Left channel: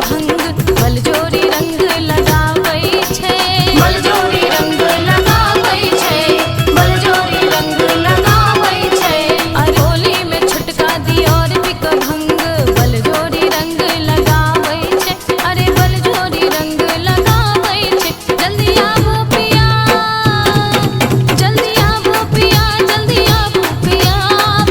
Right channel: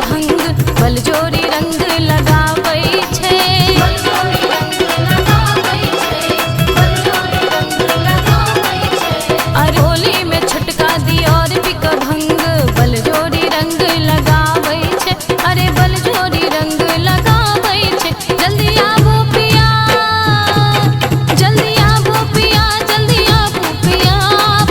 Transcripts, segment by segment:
भंग बलजोरी रंग लगाबै छै, बलजोरी रंग लगाबै छै, बलजोरी रंग लगाबै छै। अरे होली में छोटका दियोर पिक भंग बलजोरी रंग लगाबै छै, अरे बलजोरी रंग लगाबै छै। जल्दी आबो पिया, जल्दी आबो पिया, जल्दी आबो पिया,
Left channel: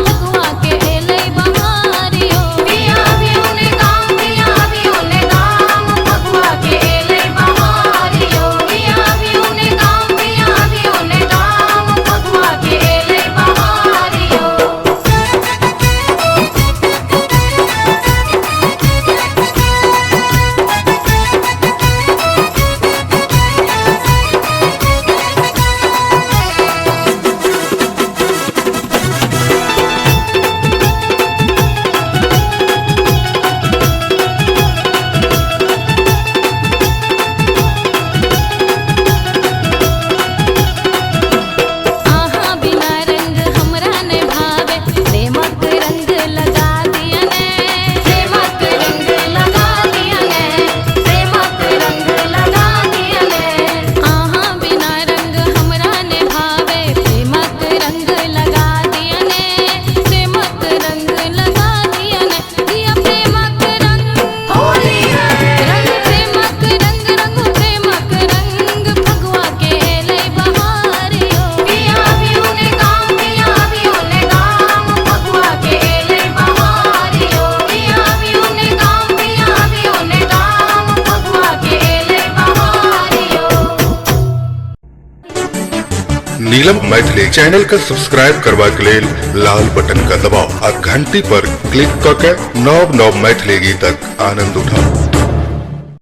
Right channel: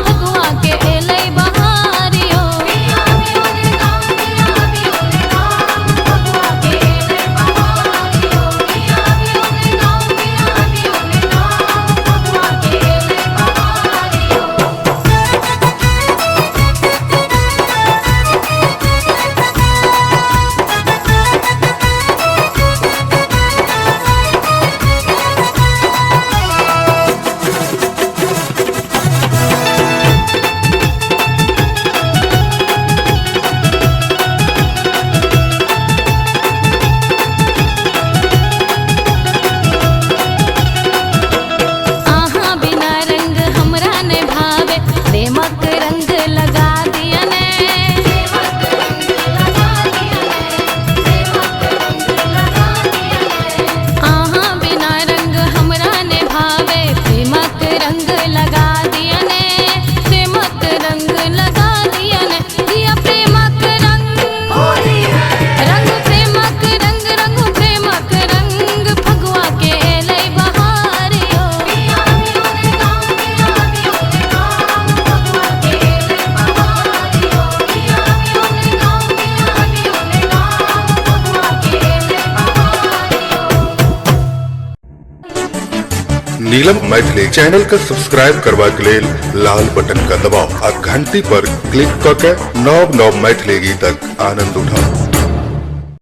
फगुआ के एलै बहारियो। पिया भी ओने गाँव, पिया भी ओने गाँव, फगुआ के एलै बहारियो। पिया भी ओने गाँव, पिया भी ओने गाँव, फगुआ के एलै बहारियो। आहा बिना रंग हमरा ने भावे, प्रेमक रंग लगा दिया ने, प्रेमक रंग लगा दिया ने, प्रेमक रंग लगा दिया ने। आहा बिना रंग हमरा ने भावे, प्रेमक रंग लगा दिया ने, प्रेमक रंग लगा दिया ने। दिया प्रेमक रंग होली है, रंग प्रेमक रंग, रंग प्रेमक रंग, फगुआ के एलै बहारियो। पिया भी ओने गाँव, पिया भी ओने गाँव, फगुआ के एलै बहारियो। पिया भी ओने गाँव, पिया भी ओने गाँव, फगुआ के एलै बहारियो। नीलम मैथिली चैनल का सब्सक्राइब करबा के लेल लाल बटन का दबाव आ घंटी पर क्लिक क के नव नव मैथिली गीतक आनंद उठाओ।